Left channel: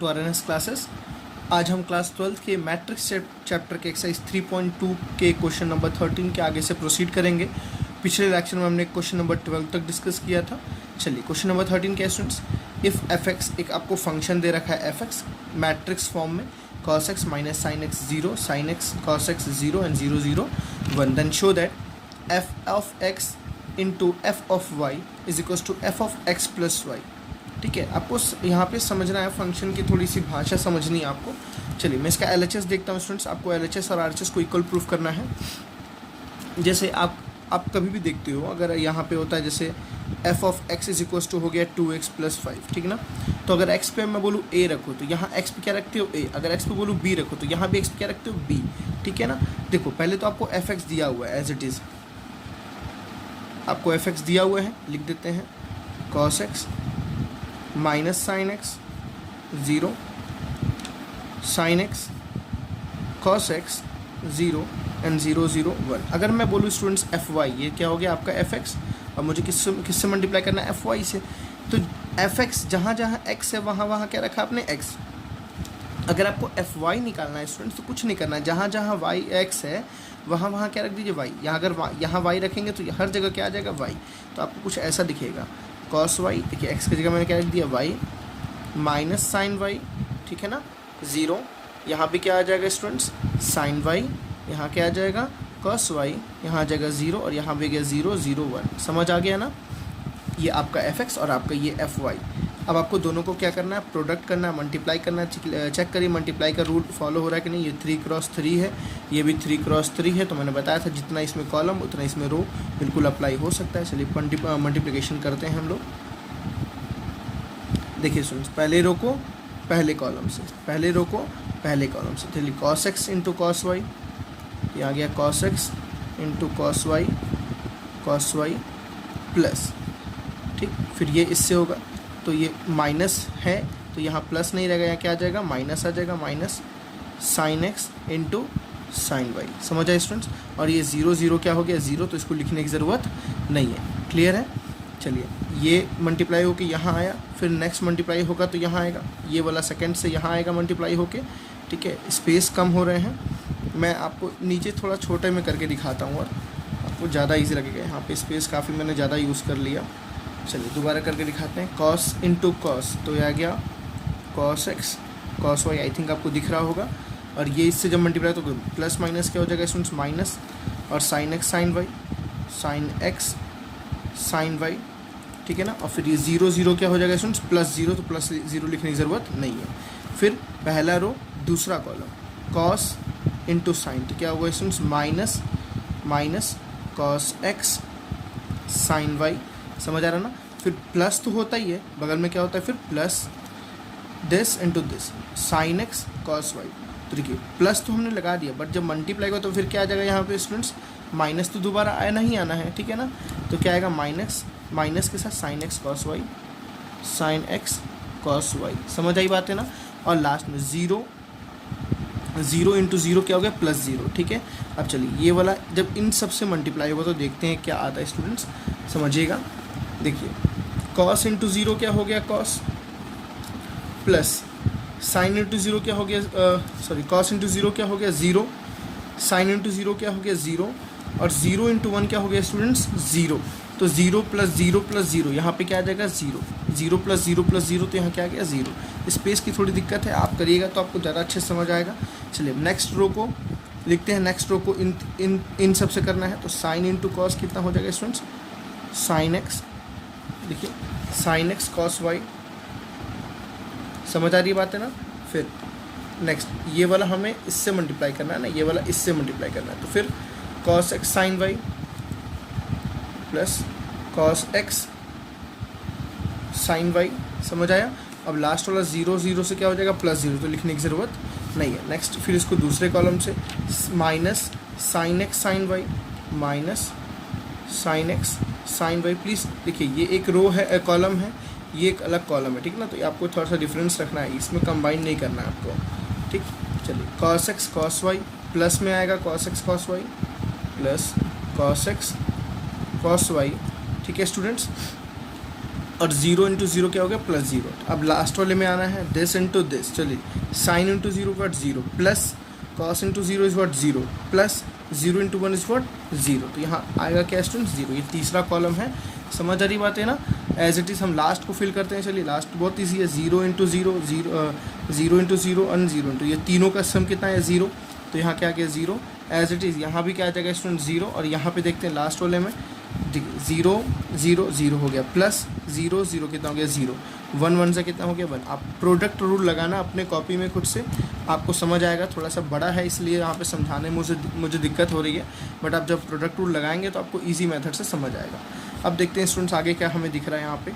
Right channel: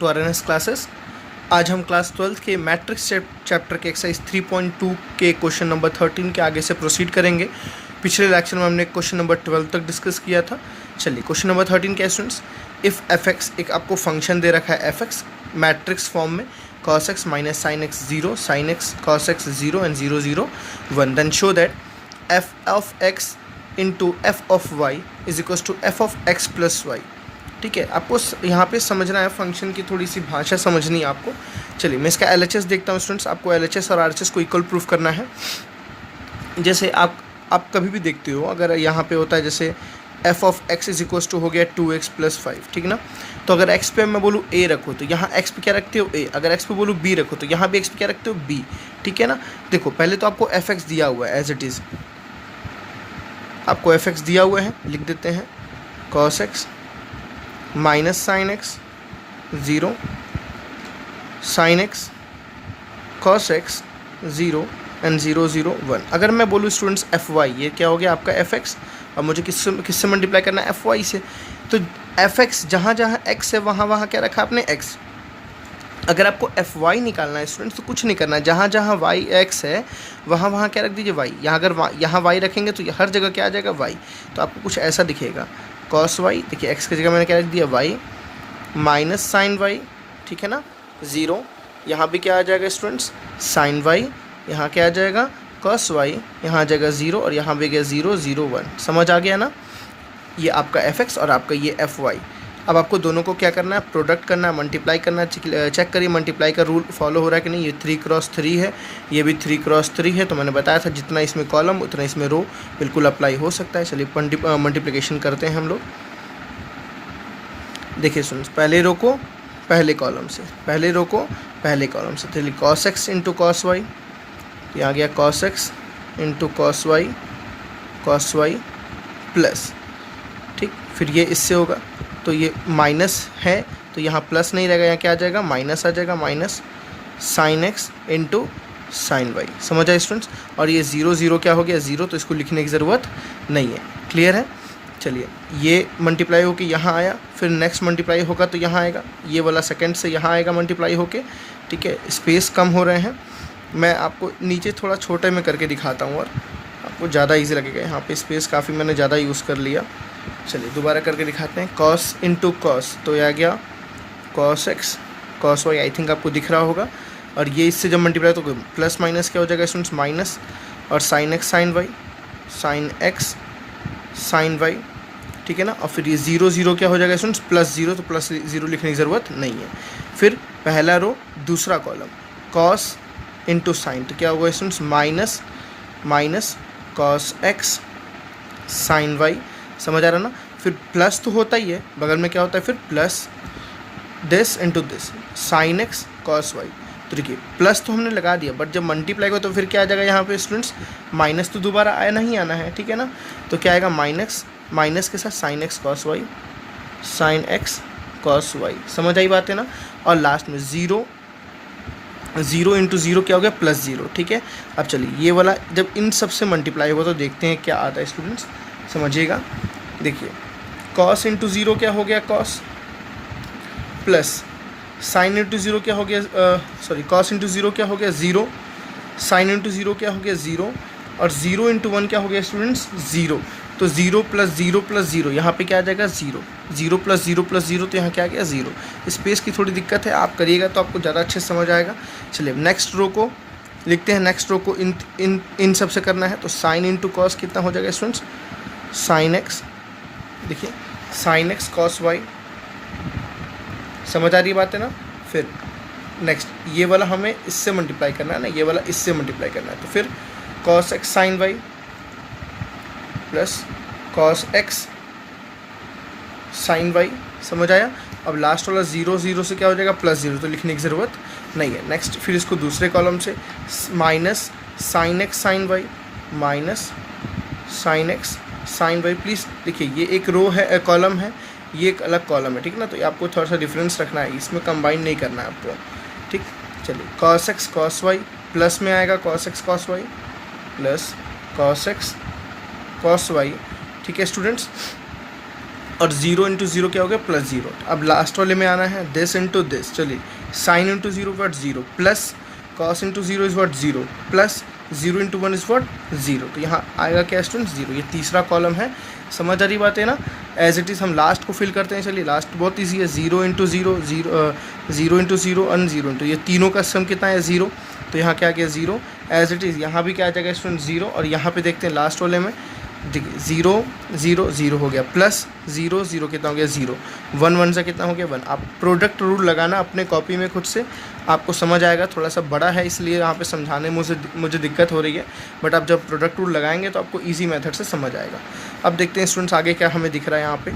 To RNS classes. आज हम class 12th के मैट्रिक्स चैप्टर के एक्सरसाइज 3.2 के क्वेश्चन नंबर 13 के आगे से प्रोसीड करेंगे। पिछले लेक्चर में हमने क्वेश्चन नंबर 12 तक डिस्कस किया था। चलिए क्वेश्चन नंबर 13 क्या है स्टूडेंट्स, इफ़ एफ एक्स, एक आपको फंक्शन दे रखा है एफ एक्स मैट्रिक्स फॉर्म में, cos x minus sine x 0, sine x cos x 0 and 0 0 1, then show that f of x into f of y is equals to f of x plus y. ठीक है, आपको यहाँ पे समझना है, function की थोड़ी सी भाषा समझनी है आपको। चलिए मैं इसका LHS देखता हूँ स्टूडेंट्स। आपको LHS और RHS को इक्वल प्रूफ करना है। जैसे आप कभी भी देखते हो, अगर यहाँ पे होता है जैसे f of x is equals to हो गया 2x प्लस 5, ठीक ना। तो अगर x पे मैं बोलूँ a रखो तो यहाँ x पे क्या रखते हो a, अगर x पे बोलूँ b रखो तो यहाँ भी x पे क्या रखते हो b, ठीक है ना। देखो पहले तो आपको एफ एक्स दिया हुआ है एज इट इज़, आपको एफ एक्स दिया हुआ है, लिख देते हैं cos x minus sine x 0, sine x cos x 0 and 0 0 1। अगर मैं बोलूँ स्टूडेंट्स एफ वाई, ये क्या हो गया आपका एफ एक्स, अब मुझे किससे मल्टीप्लाई करना है, एफ वाई से। तो एफ एक्स जहाँ जहाँ एक्स है वहाँ क्या रखा आपने एक्स। अगर आपको एफ वाई निकालना है स्टूडेंट्स तो कुछ नहीं करना है, जहाँ जहाँ वाई एक्स है वहाँ क्या रख दीजिए वाई। यहाँ अगर यहाँ वाई रखेंगे तो हर जगह क्या आ जाएगा वाई। तो आपको कुछ ऐसा दिखेगा कॉस वाई, देखिए एक्स की जगह मैंने क्या रख दिया वाई, माइनस साइन वाई, ठीक है ना 0। यहाँ भी क्या आ जाएगा स्टूडेंट्स साइन वाई, यहाँ क्या आ जाएगा कॉस वाई, यहाँ आ जाएगा 0 और यहाँ भी गया 0 0 1। समझ आ गया ना, ये आपका एफ एक्स और आपका ये एफ वाई। अब आपको दोनों को क्या करना है, प्रोडक्ट करना है, मल्टीप्लाई करना है। चेक करिए मल्टीप्लाई का रूल फॉलो हो रहा है कि नहीं। ये 3x3 है, ये भी 3x3 है। तो मैंने बताया था जितना इसमें कॉलम उतना इसमें रो, बिल्कुल अप्लाई हो सकता है। चलिए मल्टीप्लिकेशन करते हैं हम लोग। देखिए सुन, पहले रो को पहले कॉलम से, पहले रो को पहले कॉलम से। चलिए cos x into cos y, ये आ गया cos x into cos y plus, ठीक। फिर ये इससे होगा तो ये माइनस है तो यहाँ प्लस नहीं रहेगा, यहाँ क्या आ जाएगा माइनस आ जाएगा, minus sine x into sine y. समझ आए स्टूडेंट्स। और ये 0 0 क्या हो गया 0, तो इसको लिखने की ज़रूरत नहीं है। क्लियर है। चलिए ये मल्टीप्लाई होके यहाँ आया, फिर नेक्स्ट मल्टीप्लाई होगा तो यहाँ आएगा, ये वाला सेकंड से यहाँ आएगा मल्टीप्लाई होके, ठीक है। स्पेस कम हो रहे हैं, मैं आपको नीचे थोड़ा छोटे में करके दिखाता हूँ और आपको ज़्यादा ईजी लगेगा। यहाँ पे स्पेस काफ़ी मैंने ज़्यादा यूज़ कर लिया। चलिए दोबारा करके दिखाते हैं। कॉस इंटू कॉस, तो यह आ गया cos x cos y, I think आपको दिख रहा होगा। और ये इससे जब मल्टीप्लाई तो प्लस माइनस क्या हो जाएगा स्टूडेंट्स माइनस, और sine x sine y, sine x sine y, ठीक है ना। और फिर ये 0 0 क्या हो जाएगा स्टूडेंट्स प्लस 0, तो प्लस 0 लिखने की ज़रूरत नहीं है। फिर पहला रो दूसरा कॉलम cos इंटू साइन, तो क्या होगा students minus cos x sine y। समझ आ रहा ना। फिर प्लस तो होता ही है, बगल में क्या होता है फिर plus this into this sine x cos y. तो देखिए प्लस तो हमने लगा दिया, बट जब मल्टीप्लाई हुआ तो फिर क्या आ जाएगा यहाँ पे स्टूडेंट्स माइनस, तो दोबारा आया नहीं आना है, ठीक है ना। तो क्या आएगा माइनस के साथ sine x cos y, sine x cos y. समझ आई बात है ना। और लास्ट में 0 इंटू 0 क्या हो गया प्लस 0, ठीक है। अब चलिए ये वाला जब इन सब से मल्टीप्लाई होगा तो देखते हैं क्या आता है स्टूडेंट्स, समझिएगा। देखिए cos इंटू 0 क्या हो गया cos, प्लस साइन इंटू 0 क्या हो गया cos इंटू 0 क्या हो गया 0, साइन इंटू 0 क्या हो गया 0, और 0 इंटू 1 क्या हो गया स्टूडेंट्स 0। तो 0 प्लस 0 प्लस 0, यहाँ पे क्या आ जाएगा 0, 0 प्लस 0 प्लस 0, तो यहाँ क्या आ गया 0। स्पेस की थोड़ी दिक्कत है, आप करिएगा तो आपको ज़्यादा अच्छे से समझ आएगा। चलिए नेक्स्ट रो को लिखते हैं। नेक्स्ट रो को इन सब से करना है, तो साइन इंटू कॉस कितना हो जाएगा स्टूडेंट्स साइन एक्स, देखिए साइन एक्स कॉस वाई। समझ आ रही बात है ना। फिर नेक्स्ट ये वाला हमें इससे मल्टीप्लाई करना है ना, ये वाला इससे मल्टीप्लाई करना है, तो फिर cos x sine y plus cos x sine y. समझ आया। अब लास्ट वाला 0 0 से क्या हो जाएगा प्लस 0, तो लिखने की ज़रूरत नहीं है। नेक्स्ट फिर इसको दूसरे कॉलम से minus sine x sine y, minus sine x sine y. Please देखिए ये एक रो है, कॉलम है, ये एक अलग कॉलम है, ठीक ना। तो आपको थोड़ा सा डिफरेंस रखना है, इसमें कंबाइन नहीं करना है आपको, ठीक। चलिए cos x cos y plus में आएगा cos x cos y plus cos x cos y, ठीक है स्टूडेंट्स। और 0 इंटू 0 क्या हो गया +0। अब लास्ट वाले में आना है दिस इंटू दिस, चलिए sine into 0 what 0 plus cos into 0 is what 0 plus 0 into 1 is what 0। तो यहाँ आएगा क्या स्टूडेंट्स 0। ये तीसरा कॉलम है, समझ आ रही बात है ना। एज इट इज़ हम लास्ट को फिल करते हैं। चलिए लास्ट बहुत ईजी है, 0 इंटू 0 0 इंटू 0 और 0 इंटू, ये तीनों का सम कितना है 0। तो यहाँ क्या आ गया 0। एज इट इज़ यहाँ भी क्या आ जाएगा स्टूडेंट 0। और यहाँ पे देखते हैं लास्ट वाले में 0 0 0 हो गया प्लस 0 0 कितना हो गया 0, 1 1 से कितना हो गया 1। आप प्रोडक्ट रूल लगाना अपने कॉपी में खुद से, आपको समझ आएगा। थोड़ा सा बड़ा है इसलिए यहाँ पे समझाने में मुझे दिक्कत हो रही है, बट आप जब प्रोडक्ट रूल लगाएंगे तो आपको ईजी मेथड से समझ आएगा। अब देखते हैं स्टूडेंट्स आगे क्या हमें दिख रहा है। यहाँ पे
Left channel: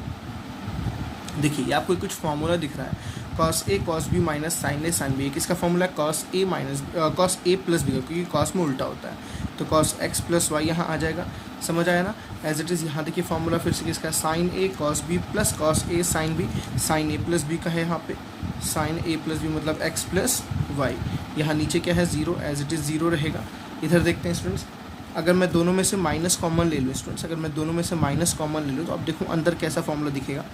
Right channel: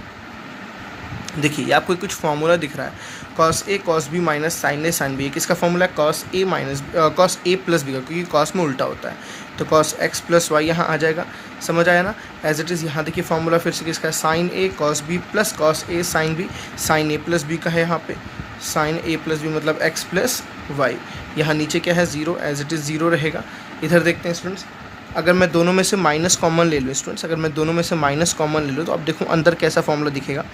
देखिए आपको कुछ फार्मूला दिख रहा है, cos a cos b minus sine a sine b। किसका फॉर्मूला है cos a प्लस बी का, क्योंकि cos में उल्टा होता है। तो cos x प्लस वाई यहाँ आ जाएगा, समझ आया ना। एज इट इज़ यहाँ देखिए फार्मूला फिर से किसका है, sine a cos b plus cos a sine b। Sine a plus b का है यहाँ पे, साइन a प्लस b मतलब x प्लस वाई। यहाँ नीचे क्या है 0, एज इट इज़ 0 रहेगा। इधर देखते हैं स्टूडेंट्स, अगर मैं दोनों में से माइनस कॉमन ले लूँ स्टूडेंट्स, अगर मैं दोनों में से माइनस कॉमन ले लूँ तो अब देखो अंदर कैसा फॉर्मूला दिखेगा,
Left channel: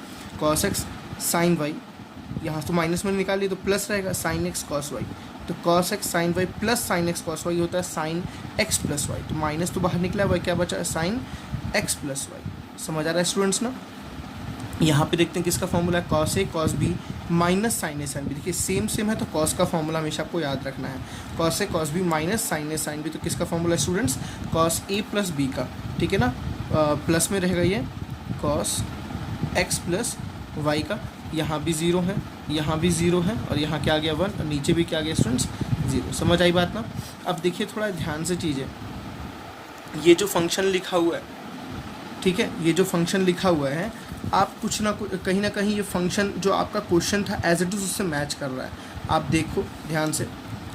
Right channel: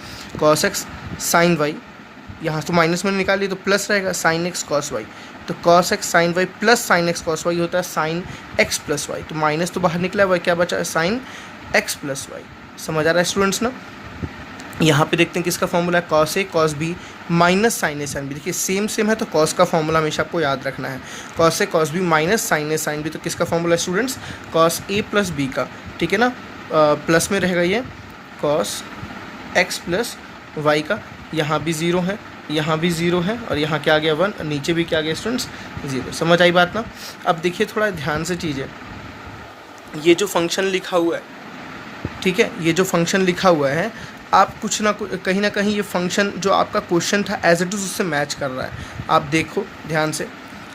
cos x साइन वाई, यहाँ तो माइनस में निकालिए तो प्लस रहेगा साइन x cos y। तो cos x sine y plus sine x cos y होता है साइन x प्लस वाई। तो माइनस तो बाहर निकला हुआ, क्या बचा है साइन x प्लस वाई। समझ आ रहा है स्टूडेंट्स ना। यहाँ पे देखते हैं किसका फॉर्मूला है, cos a cos b minus sine a sine b। देखिए सेम है तो cos का फॉर्मूला हमेशा आपको याद रखना है, cos a cos b minus sine a sine b। तो किसका फॉर्मूला है students, cos a plus b का, ठीक है ना। प्लस में रहेगा ये cos x प्लस y का। यहाँ भी 0 है, यहाँ भी 0 है और यहाँ क्या आ गया 1, नीचे भी क्या आ गया स्टूडेंट्स 0। समझ आई बात ना। अब देखिए थोड़ा ध्यान से चीज़ें, ये जो फंक्शन लिखा हुआ है, ठीक है, ये जो फंक्शन लिखा हुआ है, आप कुछ ना कुछ कहीं ना कहीं ये फंक्शन जो आपका क्वेश्चन था एज इट इज़ उससे मैच कर रहा है। आप देखो ध्यान से,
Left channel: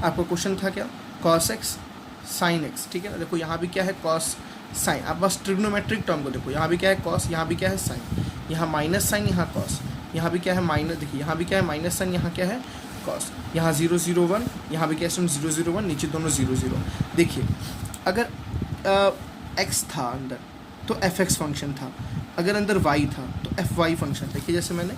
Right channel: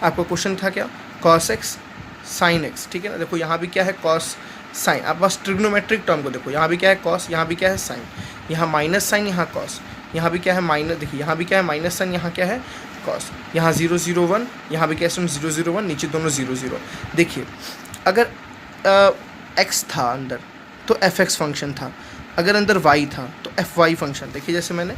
आपका क्वेश्चन था क्या, cos x साइन x, ठीक है ना। देखो यहाँ भी क्या है cos साइन, आप बस ट्रिग्नोमेट्रिक टर्म को देखो, यहाँ भी क्या है cos, यहाँ भी क्या है साइन, यहाँ माइनस साइन, यहाँ cos, यहाँ भी क्या है माइनस, देखिए यहाँ भी क्या है माइनस साइन, यहाँ क्या है cos, यहाँ 0 0 1, यहाँ भी क्या है 0 0 1, नीचे दोनों 0 0। देखिए अगर x था अंदर तो fx फंक्शन था, अगर अंदर y था तो fy फंक्शन। देखिए जैसे मैंने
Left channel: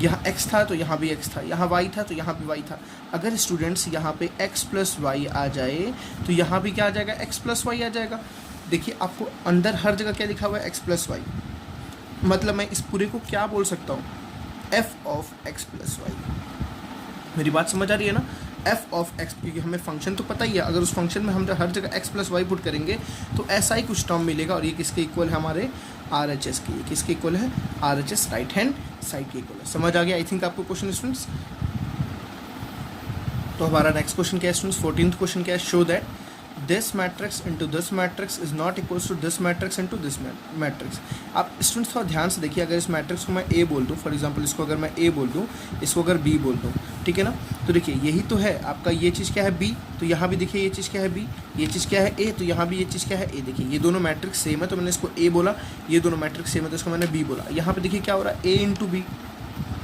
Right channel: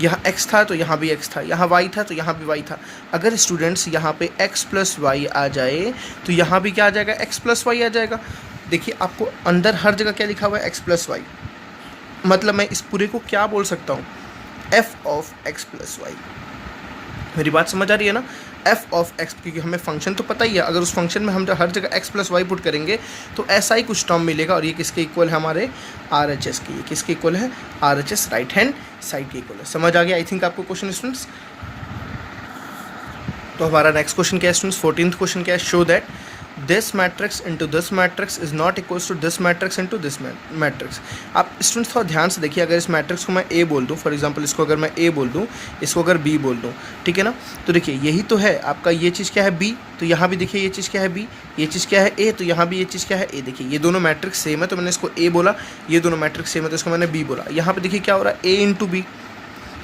यहाँ x था तो यहाँ भी x था, यहाँ y था तो यहाँ भी y था। अगर स्टूडेंट्स यहाँ पे x प्लस वाई आ जाए तो यहाँ भी क्या आ जाएगा, x प्लस वाई आ जाएगा। देखिए आपको अंदर हर जगह क्या लिखा हुआ है, x प्लस वाई। मतलब मैं इस पूरे को क्या बोल सकता हूँ, f of x plus y. मेरी बात समझ आ रही है ना, f ऑफ x, क्योंकि हमें फंक्शन तो पता ही है। अगर उस फंक्शन में हम हर जगह x प्लस वाई पुट करेंगे तो ऐसा ही कुछ टर्म मिलेगा। और ये किसके इक्वल है, हमारे RHS के। ये किसके इक्वल है, RHS राइट हैंड साइड के इक्वल है। समझ आ गया आई थिंक आपको क्वेश्चन स्टूडेंट्स। तो हमारा नेक्स्ट क्वेश्चन क्या है स्टूडेंट्स, 14th क्वेश्चन क्या है, show that this matrix into this matrix is not equals to this matrix into this matrix. आप स्टूडेंट्स थोड़ा ध्यान से देखिए, अगर इस मैट्रिक्स को मैं ए बोल दूं, फॉर एग्जांपल इसको अगर मैं ए बोल दूं, इसको अगर बी बोल दूं, ठीक है ना। तो देखिए यही तो है आपका, ये चीज़ क्या है बी, तो यहाँ भी देखिए ये चीज़ क्या है बी, ये चीज़ क्या है ए, तो यहाँ भी ये चीज़ क्या है ए। देखिए ये दोनों मैट्रिक्स सेम है तो मैंने इसको ए बोला, ये दोनों मैट्रिक्स सेम है तो इसको मैंने बी बोला। यहाँ पर देखिए क्या हो रहा है, ए इंटू बी,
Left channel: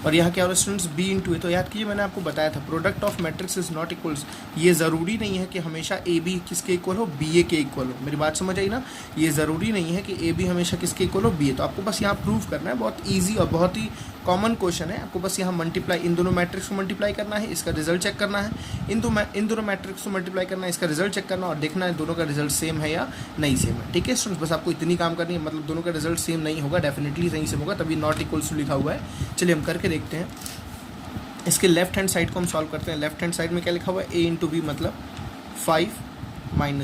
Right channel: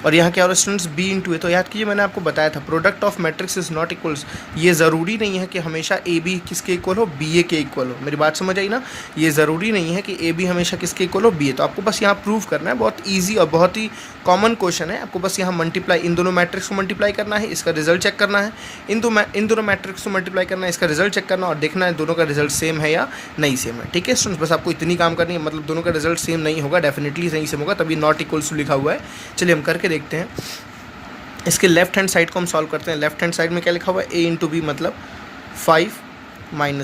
और यहाँ क्या हो रहा है स्टूडेंट्स, बी इंटू ए। तो याद कीजिए मैंने आपको बताया था product of matrix is not equals. ये ज़रूरी नहीं है कि हमेशा ए बी किसके इक्वल हो, बी ए के इक्वल हो। मेरी बात समझ आई ना, ये ज़रूरी नहीं है कि ए बी हमेशा किसके इक्वल हो, बी ए। तो आपको बस यहाँ प्रूव करना है, बहुत ईजी और बहुत ही कॉमन क्वेश्चन है। आपको बस यहाँ मल्टीप्लाई, इन दोनों मैट्रिक्स को मल्टीप्लाई करना है, इसका रिजल्ट चेक करना है, इन दोनों मैट्रिक्स को मल्टीप्लाई करना है, इसका रिजल्ट चेक करना और देखना है दोनों का रिजल्ट सेम है या नहीं सेम है। ठीक है स्टूडेंट्स, बस आपको इतनी काम करनी है। मतलब दोनों का रिजल्ट सेम नहीं होगा, डेफिनेटली नहीं सेम होगा, तभी नॉट इक्वल्स टू लिखा हुआ है। चलिए हम करके देखते हैं। इसके लेफ्ट हैंड साइड को हम सॉल्व करते हैं। लेफ्ट हैंड साइड में क्या लिखा हुआ है, ए इंटू बी मतलब 5 - 1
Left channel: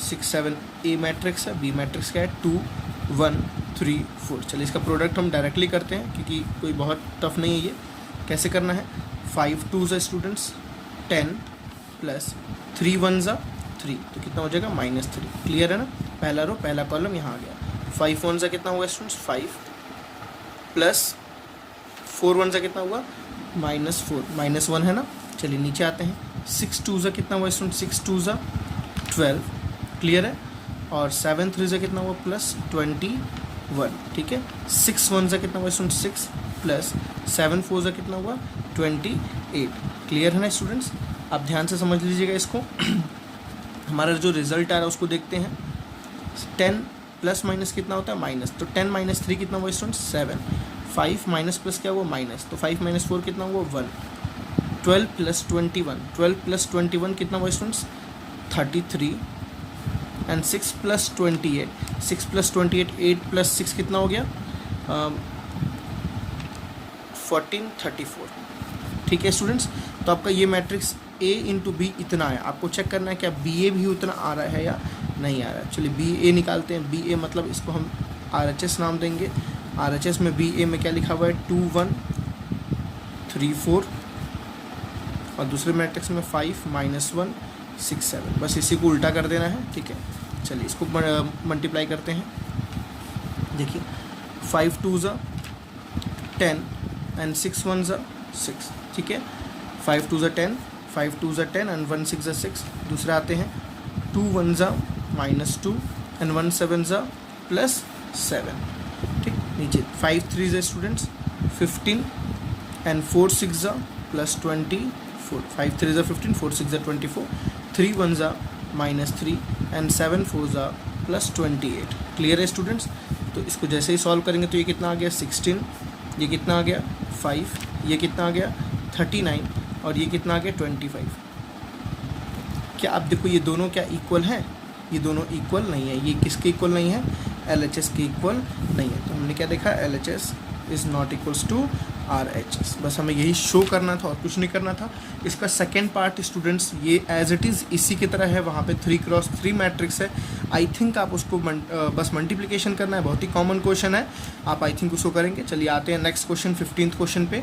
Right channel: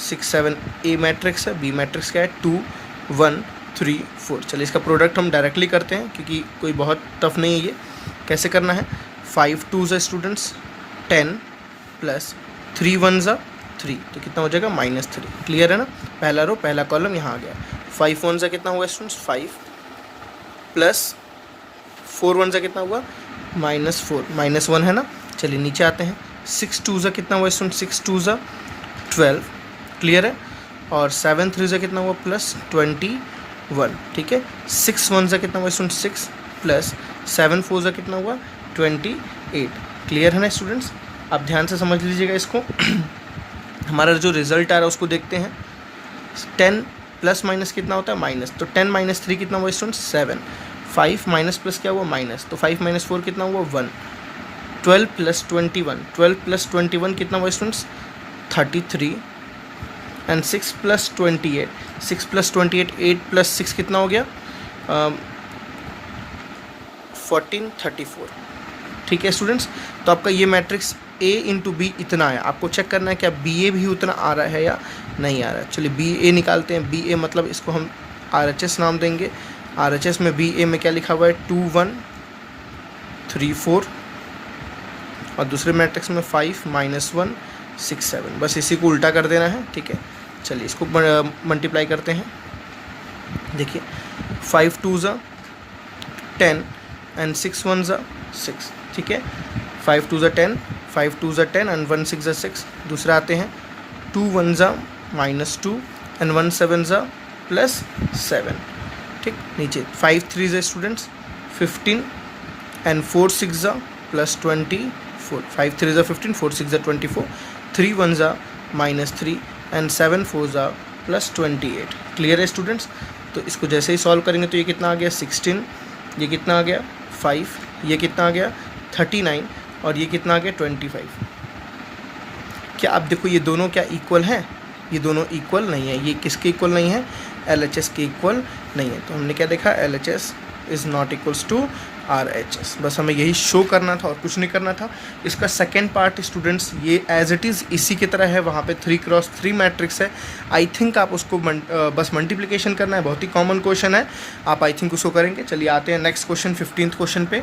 6 7। ए मैट्रिक्स है, बी मैट्रिक्स क्या है 2 1 3 4। चलिए इसका प्रोडक्ट हम डायरेक्टली करते हैं क्योंकि कोई बहुत टफ नहीं है ये। कैसे करना है, 5 2 स्टूडेंट्स 10 प्लस 3 1 3, तो कितना हो जाएगा -3। क्लियर है ना, पहला रो पहला कॉलम यहाँ आ गया। 5 1 कितना हुआ स्टूडेंट्स 5 प्लस 4 1 कितना हुआ -4, -1 है ना। चलिए नीचे आते हैं। 6 2 कितना हुआ स्टूडेंट, 6 2 12। क्लियर है, और 7 3 कितना हुआ +21। ठीक है, 6 1 कितना हुआ स्टूडेंट 6 प्लस 7 4 कितना हुआ 28। क्लियर है ना स्टूडेंट्स, आप ध्यान से समझ लीजिएगा इसको। हमारा जो रिजल्ट आ रहा है उसको देखते हैं। 10 प्लस माइनस कितना होता है माइनस, तो 10 - 3 कितना हुआ स्टूडेंट 7। 5 माइनस प्लस क्या हुआ माइनस, तो 5 माइनस 4 कितना हुआ 1। 12 प्लस 21, 12 प्लस 21 कितना हुआ students 33। And 6 plus 28, 6 plus 28, 8 plus 6 कितना हो गया 14, 34। ठीक है स्टूडेंट्स, तो आपका ये मैट्रिक्स A इंटू बी इतना है, आपको चेक करना है क्या BA भी उतना आ रहा है या नहीं आ रहा है। चलिए BA निकालते हैं, BA मतलब इसको हम RHS नाम देंगे। RHS में BA में क्या लिखा हुआ है 2 1 3 4, और दूसरे मैट्रिक्स में 5 माइनस 1 6 7, बस इसी को उल्टा कर देना है। ठीक है, चलिए इसको मल्टीप्लाई करते हैं। देखिए 5 2 ज़ा 10 एंड 6 1 ज़ा 6। ठीक है, 5 2 ज़ा 10, 5 2 ज़ा 10 एंड 1 6 ज़ा 6। दूसरा आते हैं 2 1 ज़ा माइनस 2 एंड 1 7 ज़ा प्लस 7। ठीक, नीचे 5 3 ज़ा स्टूडेंट्स 15 एंड 4 6 ज़ा प्लस 24। 5 3 ज़ा 15, 4 6 ज़ा 24, 3 1 ज़ा माइनस 3 एंड 7 4 ज़ा प्लस 28। क्लियर है स्टूडेंट्स, तो इसको जैसे ही सॉल्व करेंगे तो ये कितना आ गया 16, ये कितना आ गया 5, ये कितना आ गया 39, और ये कितना आ गया 25। क्या आप देखो ये दोनों क्या इक्वल हैं, ये दोनों इक्वल नहीं है। ये किसके इक्वल नहीं है, LHS के इक्वल नहीं है। तो हमने क्या देखा, LHS is not equals to RHS। बस हमें यही शो करना था और कुछ नहीं करना था। इसका सेकेंड पार्ट स्टूडेंट्स ये एज इट इज़ इसी की तरह है, वहाँ पे 3x3 मैट्रिक्स है। आई थिंक आप उसको बस मल्टीप्लिकेशन करना है, बहुत ही कॉमन क्वेश्चन है, आप आई थिंक उसको करेंगे। चलिए आते हैं नेक्स्ट क्वेश्चन 15th क्वेश्चन पे।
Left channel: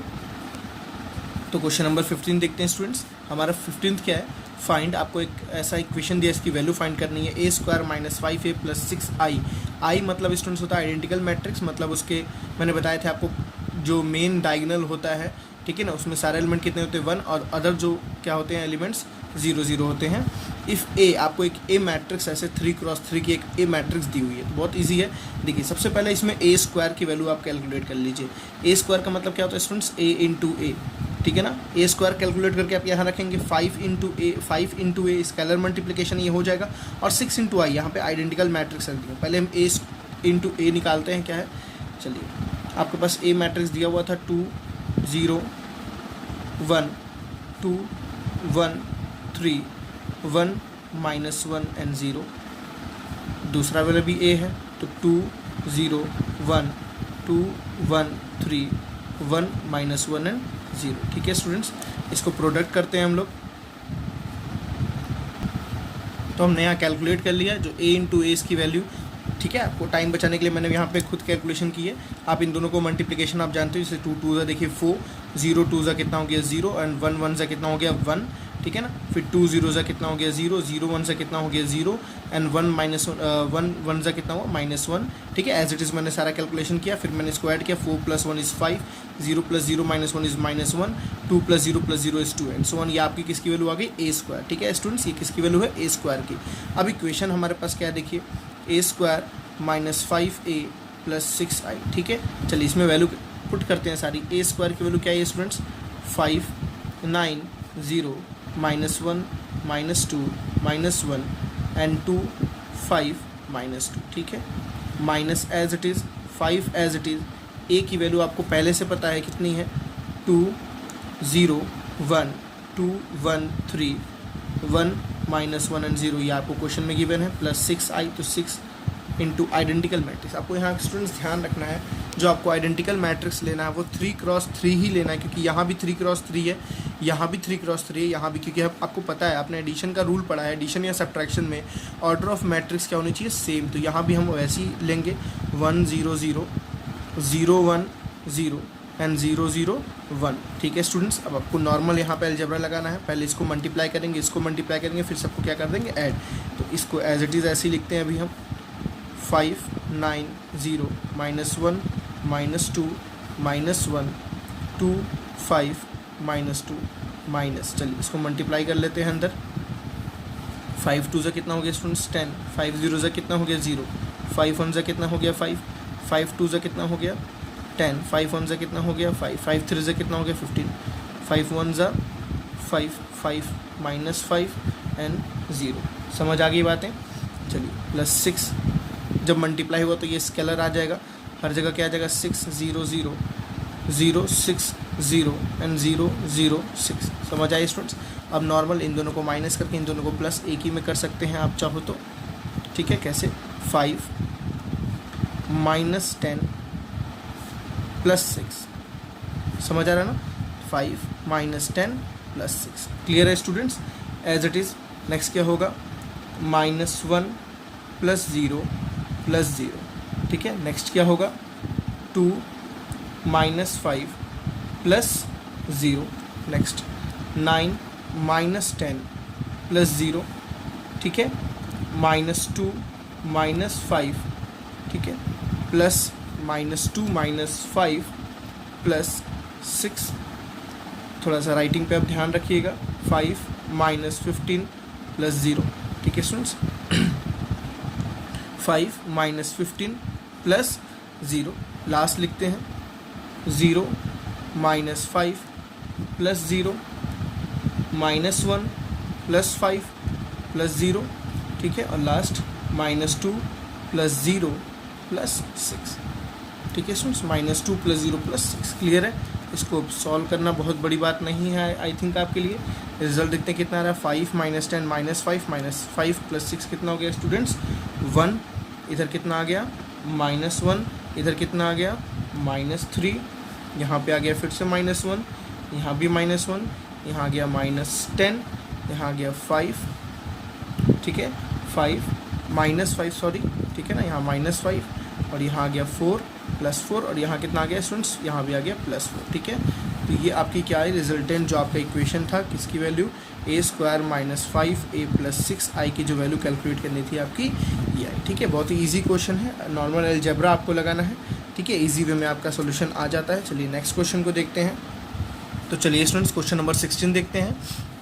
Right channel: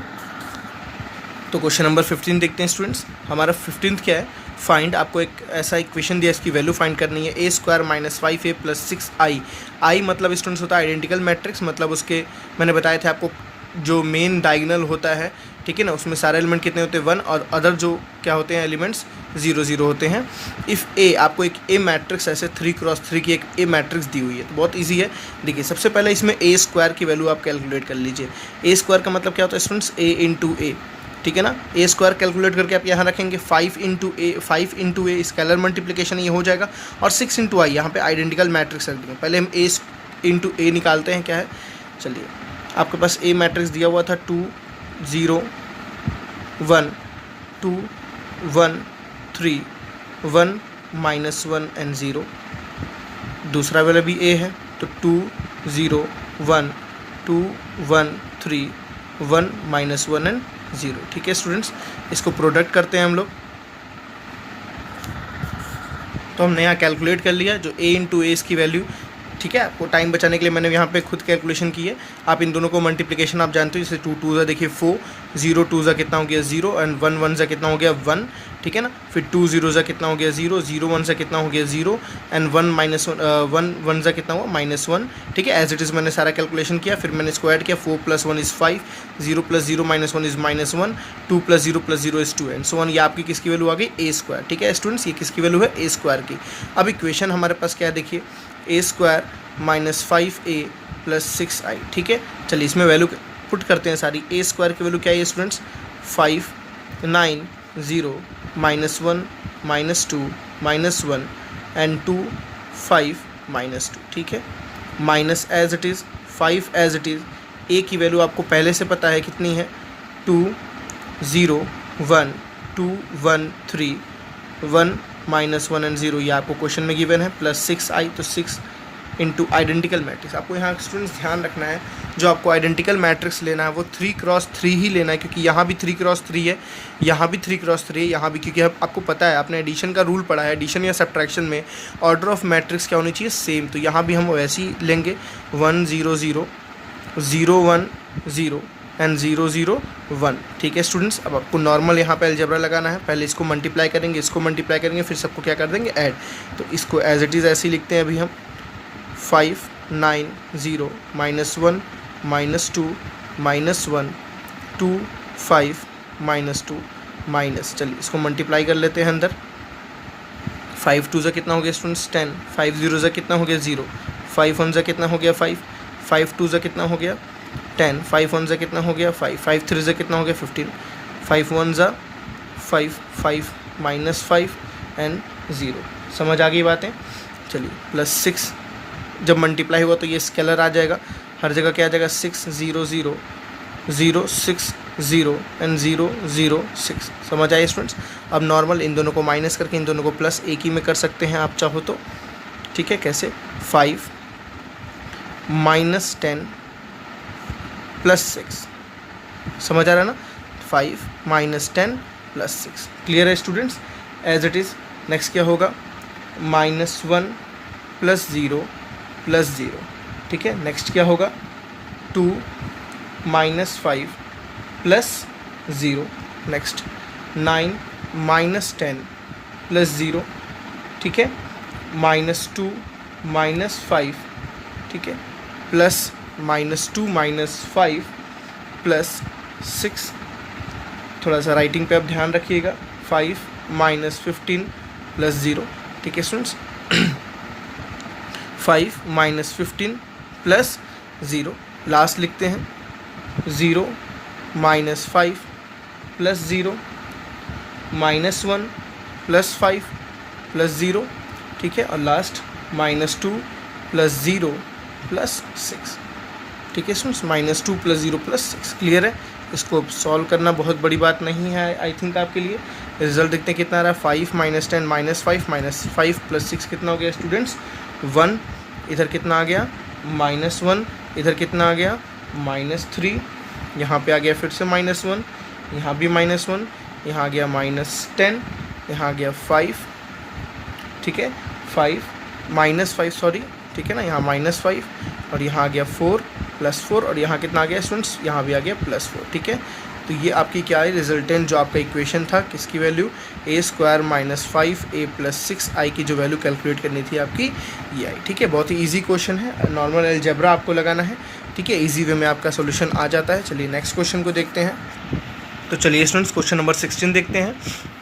तो क्वेश्चन नंबर 15 देखते हैं स्टूडेंट्स। हमारा 15th क्या है, फाइंड, आपको एक ऐसा इक्वेशन दिया, इसकी वैल्यू फाइंड करनी है। A² minus 5A plus 6I। आई मतलब स्टूडेंट्स होता है आइडेंटिकल मैट्रिक्स, मतलब उसके मैंने बताए थे आपको जो मेन डायगोनल होता है, ठीक है ना, उसमें सारे एलिमेंट कितने होते हैं 1, और अदर जो क्या होते हैं एलिमेंट्स 0 0 होते हैं। इफ़ A, आपको एक A मैट्रिक्स ऐसे 3x3 की एक A मैट्रिक्स दी हुई है, तो बहुत इजी है। देखिए सबसे पहले इसमें A² की वैल्यू आप कैलकुलेट कर लीजिए। A² का मतलब क्या होता है स्टूडेंट्स, A इंटू A, ठीक है ना। A² कैलकुलेट करके आप यहाँ रखेंगे 5 इंटू A स्केलर मल्टीप्लिकेशन ये हो जाएगा, और 6 इंटू I यहाँ पे आइडेंटिकल मैट्रिक्स रख देंगे। पहले हम A इंटू A निकालते हैं क्या है। चलिए आपके पास A मैट्रिक्स दिया हुआ था 2 0 1 2 1 3 1 माइनस 1 एंड 0। दूसरा वाला भी A है, तो 2 0 1 2 1 3 1 माइनस 1 एंड 0। ठीक है स्टूडेंट्स, इसको प्रोडक्ट करते हैं हम लोग। तो हमने यहाँ कैलकुलेट कर लिया जो A इंटू A इसकी वैल्यू, ठीक है। आपको टाइम बचाने के लिए मैंने यहाँ पे खुद कैलकुलेशन की है। आप इन दोनों को मल्टीप्लिकेशन आप जानते हो, जैसे 2 2 ज़ा देखिए 4, 0 2 ज़ा कितना हो गया 0, एंड 1 1 ज़ा कितना हो गया 1, ठीक है ना। फिर 2 0 ज़ा कितना हो गया 0, 0 1 ज़ा कितना हो गया 0, एंड 1 माइनस 1 1 ज़ा कितना हुआ -1, ठीक है। एज इट इज़ मैंने सारा कैलकुलेशन किया, फिर मैंने इसको ऐड किया। 4 + 1 = 5, 0 + 0 - 1 = -1, 2 + 0 + 0 = 2, एंड सो ऑन। ये आपकी किसकी वैल्यू आ गई A², ठीक है स्टूडेंट्स, ये किसकी वैल्यू है A² की। अब इक्वेशन हमारे पास क्या है देखिए, A² minus 5A plus 6I, ठीक है। चलिए इसमें वैल्यू पुट करते हैं सारी। A² की वैल्यू क्या है स्टूडेंट्स, 5 9 0 -1 -2 -1 एंड 2 5 -2, ठीक है। Minus as it is 5 as it is. A की वैल्यू आपको पहले से पता है कितनी है, 2 0 1 2 1 3 1 -1 एंड 0, ये आपको क्वेश्चन में गिवन है, प्लस 6I, तो 6 इंटू आइडेंटिकल मैट्रिक्स। आपको यहाँ स्टूडेंट्स ध्यान रखना है, जो आपको आइडेंटिकल मैट्रिक्स लेना है वो 3x3 ही लेना है, क्योंकि यहाँ भी 3x3 है, यहाँ भी 3x3 है, यहाँ भी, क्योंकि आपको पता है आपने एडिशन का रूल पढ़ा है, एडिशन या सब्ट्रैक्शन में ऑर्डर ऑफ मैट्रिक्स क्या होनी चाहिए, सेम। तो यहाँ भी हम वैसे ही लेंगे 1 0 0 0 1 0 एंड 0 0 1, ठीक है स्टूडेंट्स। अब आपको नॉर्मल यहाँ पे अलजेब्रा लगाना है, पहले इसको मल्टीप्लाई करेंगे, इसको मल्टीप्लाई करेंगे, फिर सबको क्या कर देंगे ऐड। तो इसको एज इट इज़ ऐसे ही लिखते हैं अभी हम, 5 9 0 -1 -2 -1 2 5 -2 माइनस। चलिए इसको मल्टीप्लाई कर लेते हैं अंदर। 5 2 ज़ा कितना हो गया स्टूडेंट्स 10, 5 0 ज़ा कितना हो गया 0, 5 1 ज़ा कितना हो गया 5, 5 2 ज़ा कितना हो गया 10, 5 1 ज़ा कितना हो गया 5, 5 3 ज़ा कितना हो गया 15, 5 1 ज़ा 5 5 -5 एंड 0। समझ आ गई बातें। चलिए प्लस 6 जब मल्टीप्लाई हुआ तो ये स्केलर आ जाएगा, हर जगह क्या आ जाएगा 6 0 0 0 6 0 एंड 0 0 6। समझ आए स्टूडेंट्स। अब नॉर्मल इन दोनों को माइनस करके इन दोनों को प्लस एक ही में कर सकते हैं आप चाहो तो, ठीक है। कैसे? 5 - 10 + 6। समझ आ रहा है ना? 5 - 10 + 6। क्लियर है students? As it is. Next क्या होगा? -1 + 0 + 0, ठीक है। नेक्स्ट क्या होगा? 2 - 5 + 0। नेक्स्ट 9 - 10 + 0, ठीक है। -2 - 5, ठीक है, प्लस -2 - 5 + 6। थोड़ा सा राइटिंग पे आप ध्यान रखिएगा। 5 - 15 + 0, ठीक है स्टूडेंट्स। 5 - 15 + 0। लास्ट लिखते हैं 0 - 5 + 0 -1 + 5 + 0, ठीक है। और लास्ट -2 + 0 + 6, ठीक है स्टूडेंट्स। -2 + 0 + 6। क्लियर है? इसको सॉल्व करना बहुत बड़ी बात नहीं है आई थिंक आपके लिए। रिजल्ट देखते हैं कितना आ रहा है। 5 - 10 -5 -5 + 6 कितना हो गया स्टूडेंट्स? 1। इधर कितना आ गया? -1। इधर कितना आ गया? -3। यहाँ पे आ गया फिर से -1, यहाँ भी -1, यहाँ आ गया -10, यहाँ आ गया 5, ठीक है। 5 -5 सॉरी, ठीक है ना। यहाँ -5 और यहाँ आ गया 4 +4 और यहाँ कितना आ गया स्टूडेंट्स? यहाँ भी आ गया +4, ठीक है। तो ये आपकी क्या है? रिजल्टेंट जो आपका इक्वेशन था किसकी वैल्यू? a² - 5a + 6i की जो वैल्यू कैलकुलेट करनी थी आपकी ये आई, ठीक है। बहुत ही ईजी क्वेश्चन है। नॉर्मल अलजेब्रा आपको लगाना है, ठीक है। ईजी वे में आपका सोल्यूशन आ जाता है। चलिए नेक्स्ट क्वेश्चन को देखते हैं। तो चलिए स्टूडेंट्स क्वेश्चन नंबर 16 देखते हैं।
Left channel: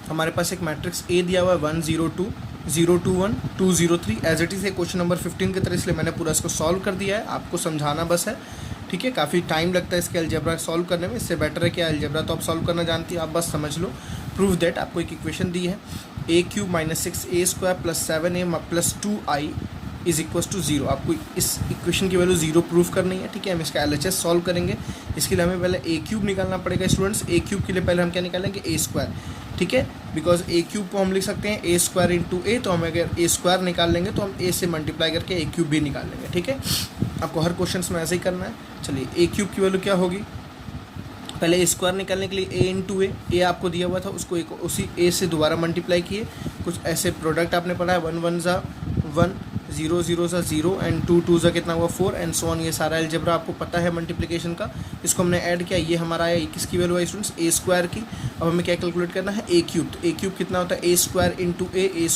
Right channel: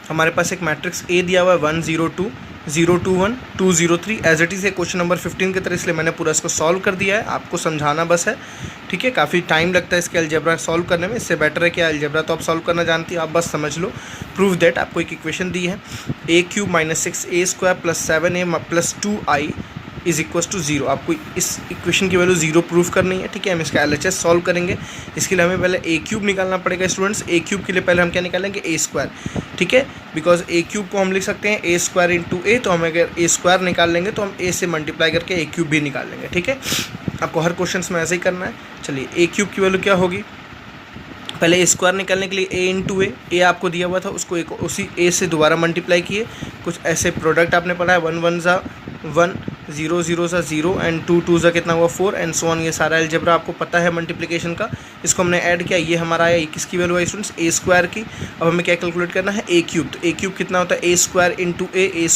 हमारे पास एक मैट्रिक्स ए दिया हुआ है 1 0 2 0 2 1 2 0 3। एज इट इज़ है क्वेश्चन नंबर 15 की तरह, इसलिए मैंने पूरा इसको सॉल्व कर दिया है। आपको समझाना बस है, ठीक है। काफ़ी टाइम लगता है इसके अलजेब्रा सॉल्व करने में। इससे बेटर है कि अलजेब्रा तो आप सॉल्व करना जानती हो, आप बस समझ लो। प्रूव दैट आपको एक इक्वेशन दी है a³ - 6a² + 7a + 2i = 0। आपको इस इक्वेशन की वैल्यू 0 प्रूव करनी है, ठीक है। हम इसका LHS सॉल्व करेंगे। इसके लिए हमें पहले a³ निकालना पड़ेगा स्टूडेंट्स। a³ के लिए पहले हम क्या निकालेंगे? a², ठीक है। बिकॉज a³ को हम लिख सकते हैं a² × a, तो हम अगर a² निकाल लेंगे तो हम a से मल्टीप्लाई करके a³ भी निकाल लेंगे, ठीक है। आपको हर क्वेश्चन में ऐसे ही करना है। चलिए a³ की वैल्यू क्या होगी? पहले a² निकालने के लिए a × a आपको दिया हुआ था, उसको एक उसी a से दोबारा मल्टीप्लाई किए। कुछ ऐसे प्रोडक्ट आपने पढ़ा है, 1 1 ज़ा 1, 0 0 ज़ा 0 एंड 2 2 ज़ा कितना हुआ 4 एंड सो ऑन। ये सारा अलजेब्रा आपको पता है मल्टीप्लिकेशन का। इसको हमने ऐड किया, ये हमारा आया। किसकी वैल्यू है स्टूडेंट्स? a² की। अब हमें क्या कैलकुलेट करना है? a³। तो a³ कितना होता है? a² ×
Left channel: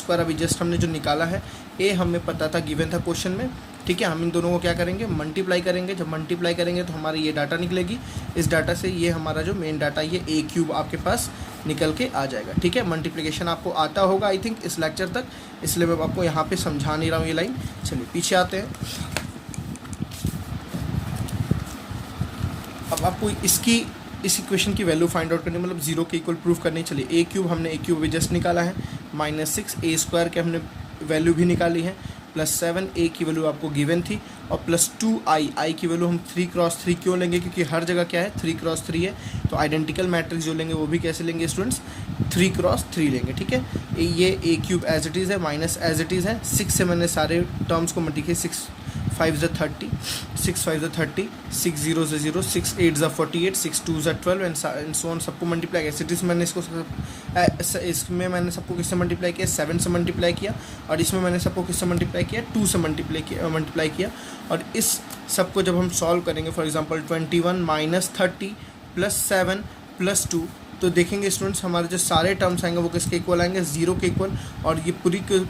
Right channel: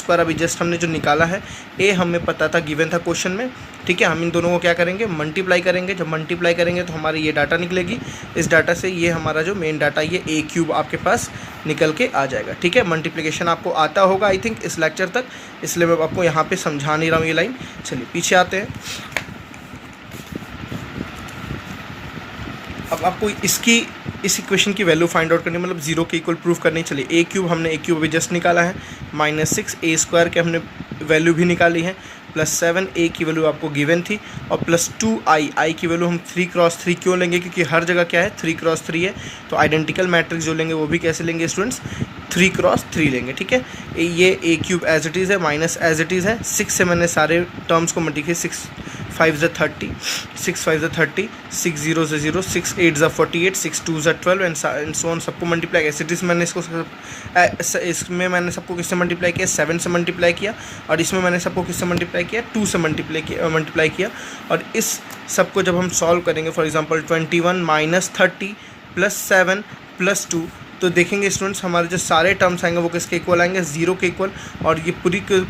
a² अभी जस्ट हमने जो निकाला है, a हमें पता था, गिवन था क्वेश्चन में, ठीक है। हम इन दोनों को क्या करेंगे? मल्टीप्लाई करेंगे। जब मल्टीप्लाई करेंगे तो हमारी ये डाटा निकलेगी। इस डाटा से ये हमारा जो मेन डाटा ये a³ आपके पास निकल के आ जाएगा, ठीक है। मल्टीप्लिकेशन आपको आता होगा आई थिंक इस लेक्चर तक, इसलिए मैं आपको यहाँ पे समझा नहीं रहा हूँ ये लाइन। चलिए पीछे आते हैं। अब आपको इस इक्वेशन की वैल्यू फाइंड आउट करनी, मतलब 0 के इक्वल प्रूफ करनी। चलिए a³ हमने a³ अभी जस्ट निकाला है, -6 a² के हमने वैल्यू भी निकाली है, +7 a की वैल्यू आपको गिवन थी, और +2i की वैल्यू हम 3 × 3 क्यों लेंगे? क्योंकि हर जगह क्या है? 3 × 3 है। तो आइडेंटिकल मैट्रिक्स जो लेंगे वो भी कैसे लेंगे स्टूडेंट्स? 3 × 3 लेंगे, ठीक है। ये a³ एज इट इज़ है, माइनस एज इट इज़ है। 6 से मैंने सारे टर्म्स को मल्टीप्लाई, 6 5 ज़ा 30, 6 5 ज़ा 30, 6 0 ज़ा 0, 6 8 ज़ा 48, 6 2 ज़ा 12 एंड सो ऑन। सबको मल्टीप्लाई किया। सिटीज़ मैंने इसमें मैंने सबको किससे मल्टीप्लाई किया? 7 से मल्टीप्लाई किया। और इसमें मैंने सबको किससे मल्टीप्लाई किया? 2 से मल्टीप्लाई किया। और इस सबको जब हम सॉल्व करेंगे, फॉर एग्जांपल 21 - 30 + 7 + 2, तो देखेंगे स्टूडेंट्स हमारे जो सारे टर्म्स आएंगे वो किसके इक्वल आएंगे? 0 के इक्वल। और ये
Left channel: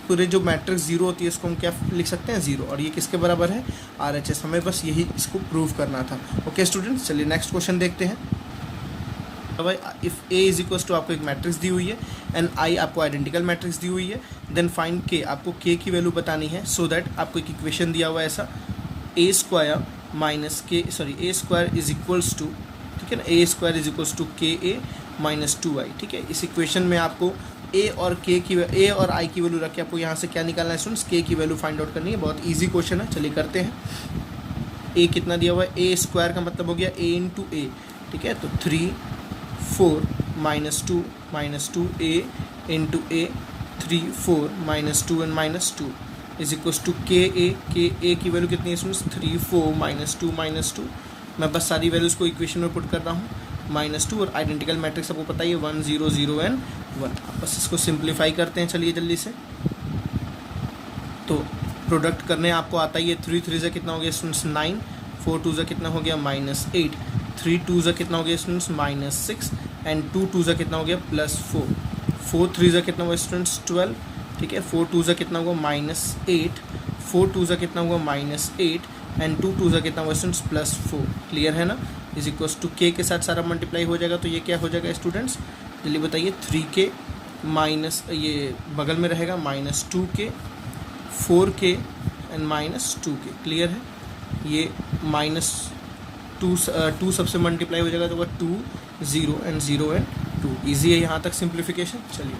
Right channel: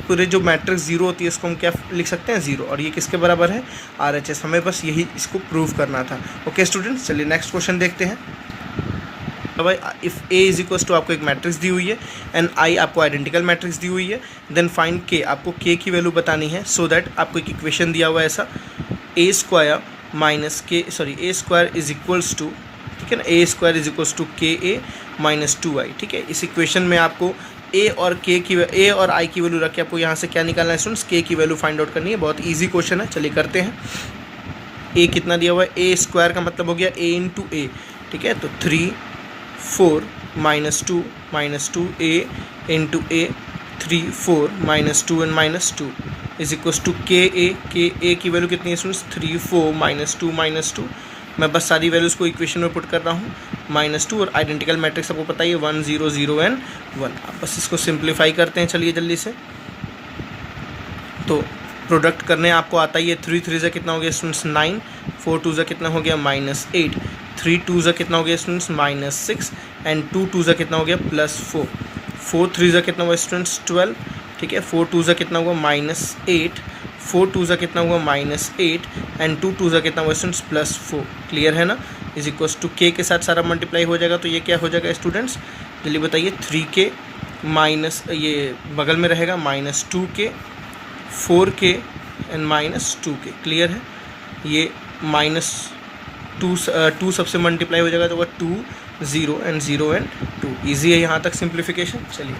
पूरे जो मैट्रिक्स 0 होती है इसको हम क्या लिख सकते हैं? 0। और ये किसके बराबर है? RHS। हमें बस यही इसको प्रूव करना था। ओके स्टूडेंट्स, चलिए नेक्स्ट क्वेश्चन देखते हैं। तो भाई इफ़ a = आपको एक मैट्रिक्स दी हुई है एंड i आपको आइडेंटिकल मैट्रिक्स दी हुई है, देन फाइंड k। आपको k की वैल्यू बतानी है। सो दैट आपको एक इक्वेशन दिया हुआ है ऐसा, a² - a² ठीक है ना, a² = ka - 2i, ठीक है। इस इक्वेशन में आपको a और i की वैल्यू रख के आपको यहाँ से क्या निकालना है स्टूडेंट्स? k की वैल्यू फाइंड आउट करनी है। बहुत ईजी क्वेश्चन है, चलिए करते हैं। ए कितना दिया हुआ है, ए स्क्वायर का मतलब हो गया ए इंटू ए, ठीक है। तो 3 4 -2 A into A, 3 4 -2 and -2 is equals to K A की वैल्यू कितनी है स्टूडेंट्स, 3 4 -2 मैं बस सारी वैल्यूज़ को इक्वेशन में पुट कर रहा हूँ, -2 और आइडेंटिकल मैट्रिक्स आपको पता ही है 1 0 0 एंड 1। बस इसको सिंप्लीफाई करते हैं, चलिए जल्दी से। तो प्रोडक्ट करने आपको आता ही है, 3 3 से कितना हो गया स्टूडेंट्स 9, 4 2 से कितना हो गया -8, 3 2 से कितना हो गया स्टूडेंट्स -6 एंड 2 2 से कितना हो गया +4, 4 3 से कितना हुआ स्टूडेंट्स 12, ठीक है। 4 2 से कितना हुआ -8, 4 2 से कितना हुआ -8 एंड 2 2 से कितना हुआ स्टूडेंट्स +4, क्लियर है ना। इज इक्वल्स टू के के साथ सारा मल्टीप्लाई हो जाएगा, तो ये क्या हो जाएगा स्टूडेंट्स, जल्दी बताइए, 3k माइनस ये बगल में रहेगा -2k, 4k and -2k, clear है। ये -2 सबसे मल्टीप्लाई हो जाएगा तो वह 2 0 एंड 0 एंड 2, ईजी है यहाँ तक सिंप्लीफिकेशन। चलिए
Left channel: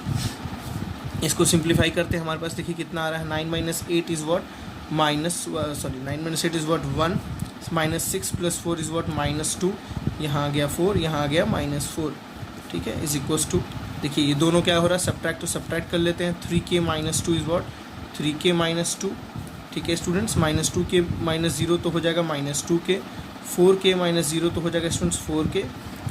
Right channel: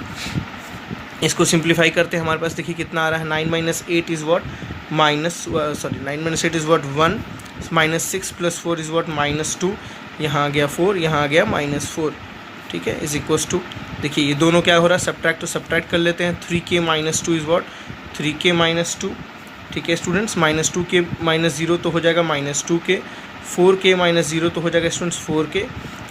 इसको सिंप्लीफाई करते हैं, हमारे पास देखिए कितना आ रहा है, 9 - 8 is what 9 - 8 is what 1, -6 + 4 is what -2, यहाँ आ गया 4, यहाँ आ गया -4, ठीक है। इज इक्वल्स टू, देखिए ये दोनों क्या हो रहा है, सब्ट्रैक्ट, तो सब्ट्रैक्ट कर लेते हैं, 3k - 2 इज़ वॉट 3k - 2, ठीक है स्टूडेंट्स। -2k -0 तो हो जाएगा -2k, 4k -0 तो हो जाएगा स्टूडेंट्स 4k,